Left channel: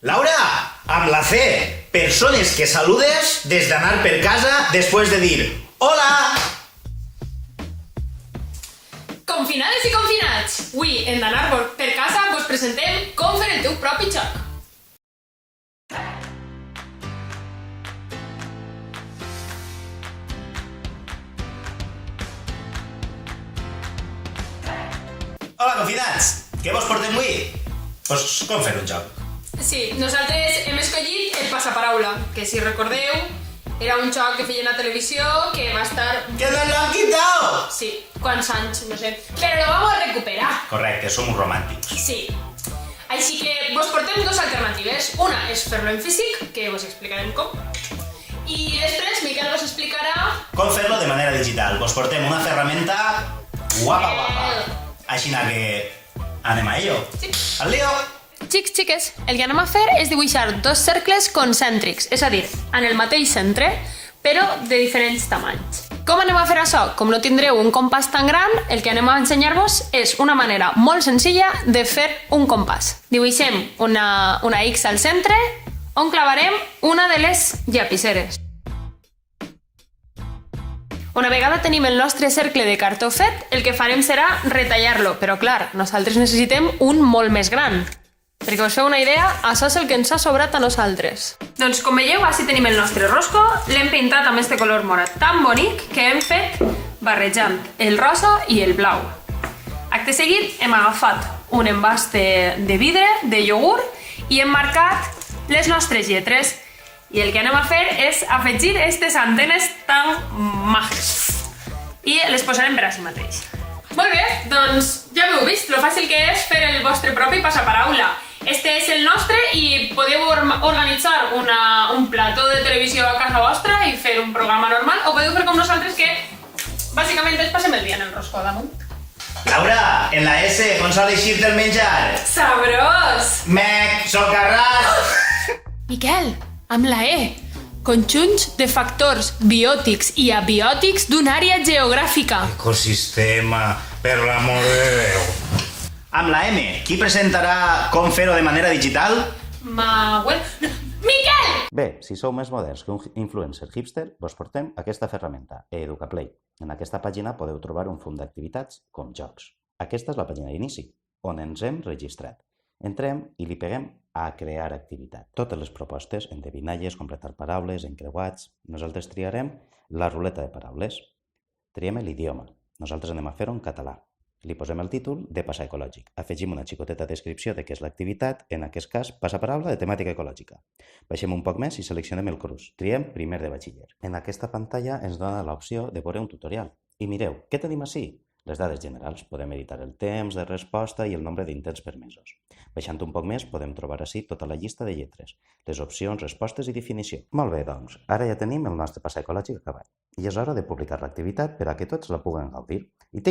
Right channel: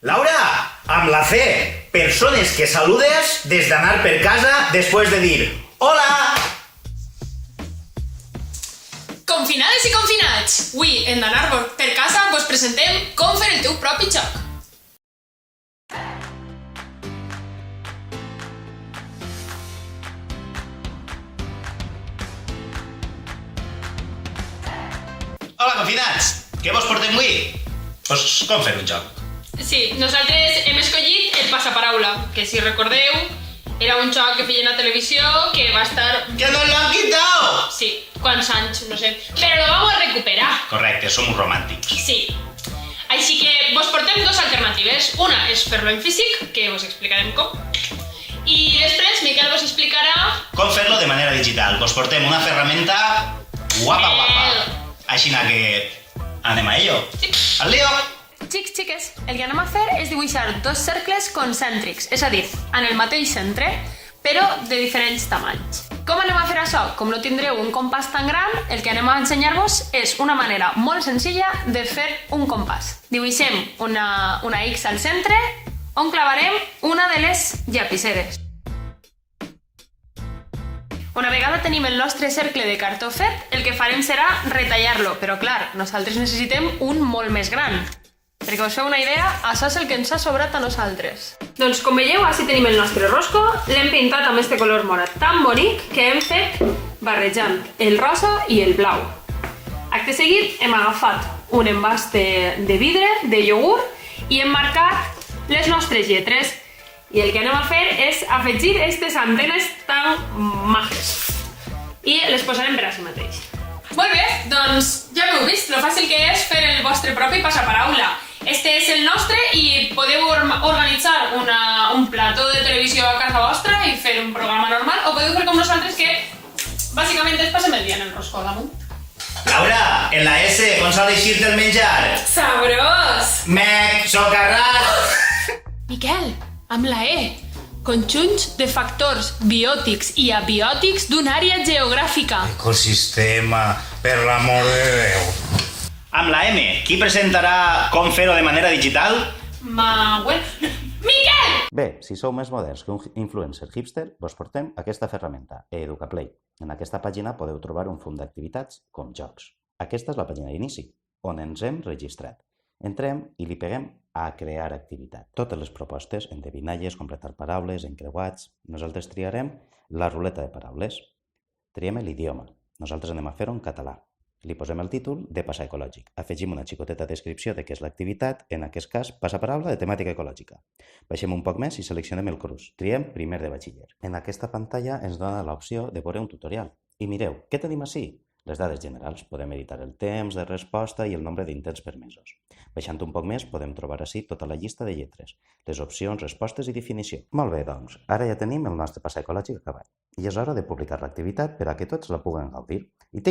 Laura, amb la C, persones que saludes des d'anar per casa després de dir hola. Confinades i confinats, avui en d'anar per casa vos presentem com fer el teu propi joc. Hola, confinats! Què vos portem avui? Pues com fer un joc? Sí, nosaltres hem escollit el passaparaula, que si recordeu era un joc que feien a televisió que va estar... ¡Que nos lo han quitado! Sí, quants anys, no sé. Però lo vamos a recuperar. Correcte, som romàntics. Sí. Així que vos portem dos alternatives. Una és fer-lo en físic, que vos explicarem com. I després Miquel vos explicarà... Com fer-lo de manera digital. Vos portem una ferramenta guapa. Així que anem a ello. Sí. Al lío! Xics, xiques, el que anem a fer és dibuixar dos cercles concèntrics, és a dir, en el mateix centre, però de diferents tamanys. Com anem a fer això? Com no tindreu un compàs tan gran, el que anem a ensenyar-vos és una manera molt senzilla de fer un compàs. Dibuixem una X al centre, on clavarem una de les llapiceres. Una vegada tenim el nostre cercle de cartó fet, el que farem serà retallar-lo, però clar, nosaltres necessitem un molt més gran. Perquè us feu una idea, això és el que ens ha sobrat a nosaltres. Doncs com veieu, així tenim el nostre rosco, l'hem pintat amb este color morat tan bonic que hem fet barrejant el rosa i el blau. Acte seguit hem agafat un envàs de vidre, de iogurt, i hem marcat les nostres lletres. I el que anem a fer és afegir aquestes antenes tan majes. I les posarem per així mateix. Molt bé, doncs ja m'heu vist lo fàcil que és fer el vostre propi passaparaula. Este és el nostre i podeu organitzar un plató de televisió a casa vostra i fer un programa normal, o podeu fer com nosaltres que bàsicament ens passem el dia en el roscó damunt. Laura, en la S, com s'ha d'eixir del menjar? Sabrós! Mec, socarrat! Miquel, amb la E, conjunts de factors biòtics i abiòtics d'una àrea geogràfica. Ecosistema, per l'amor de Déu. Amb la M, qui presentarà com fer-ho de manera digital? Miquel! Bé, si sou més moderns que un influencer hipster, vos portem aquesta ferramenta, EducaPlay. En aquesta pàgina podeu trobar un fum d'activitats com jocs. Aquesta és la pàgina d'inici, on ens hem registrat. Entrem i li peguem a crear activitat. Totes les propostes, endevinalles, completar paraules, encreuats... Nosaltres triarem la ruleta de paraules. Triem l'idioma. Nosaltres anem a fer-ho en català. Li posem el títol de Passa Ecològic. Afegim una xicoteta descripció de què és l'activitat, en aquest cas, passaparaula de temàtica ecològica. Baixem un poc més i seleccionem el curs. Triem primer de batxiller. En aquesta pantalla ens dona l'opció de veure un tutorial. I mireu, què tenim ací? Les dades generals. Podem editar el temps de resposta i el nombre d'intents permesos. Baixant un poc més podem trobar ací tota la llista de lletres, les opcions, respostes i definició. Molt bé, doncs, ara ja tenim el nostre passa ecològic acabat. I és hora de publicar l'activitat per a que tots la puguen gaudir. I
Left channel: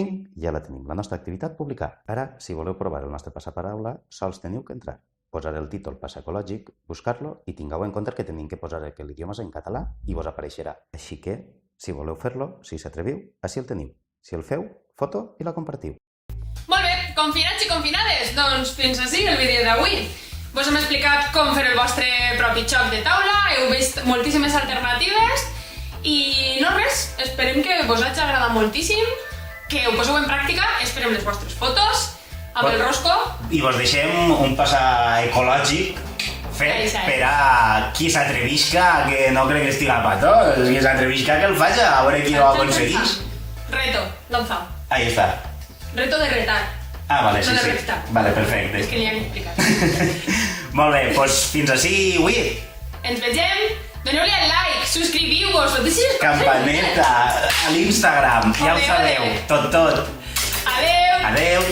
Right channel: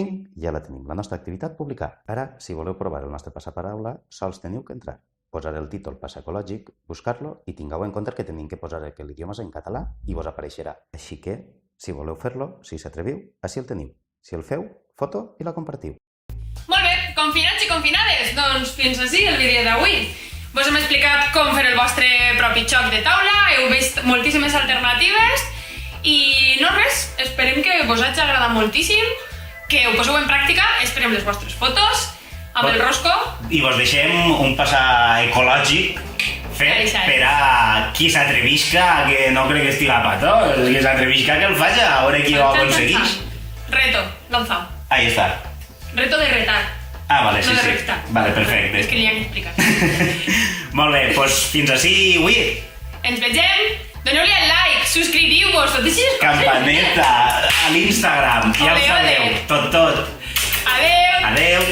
ja la tenim, la nostra activitat publicada. Ara, si voleu provar el nostre passaparaula, sols teniu que entrar, posar el títol passa ecològic, buscar-lo i tingueu en compte que tenim que posar que l'idioma és en català i vos apareixerà. Així que, si voleu fer-lo, si s'atreviu, així el teniu. Si el feu, foto i la compartiu. Molt bé, confinats i confinades, doncs fins ací el vídeo d'avui. Vos hem explicat com fer el vostre propi joc de taula, heu vist moltíssimes alternatives i no res, esperem que vos hagi agradat moltíssim, que ho poseu en pràctica, esperem les vostres fotos amb el rosco. I vos deixem un passa ecològic fet per a qui s'atrevisca, que no crec que estiga pató, qui s'atrevisca que el faci, a veure qui ho aconseguís. Reto, lanzado. Ahí está. Reto de retar. Ah, vale, sí, no de sí. reptar. Vale, perfecte. És que n'hi ha que explicar. Molt bé, doncs fins ací avui. Ens vegem, doneu-li al like, subscriviu-vos, deixeu Campaneta a l'Instagram, ja ho sabeu, tot. Adeu. Adeu.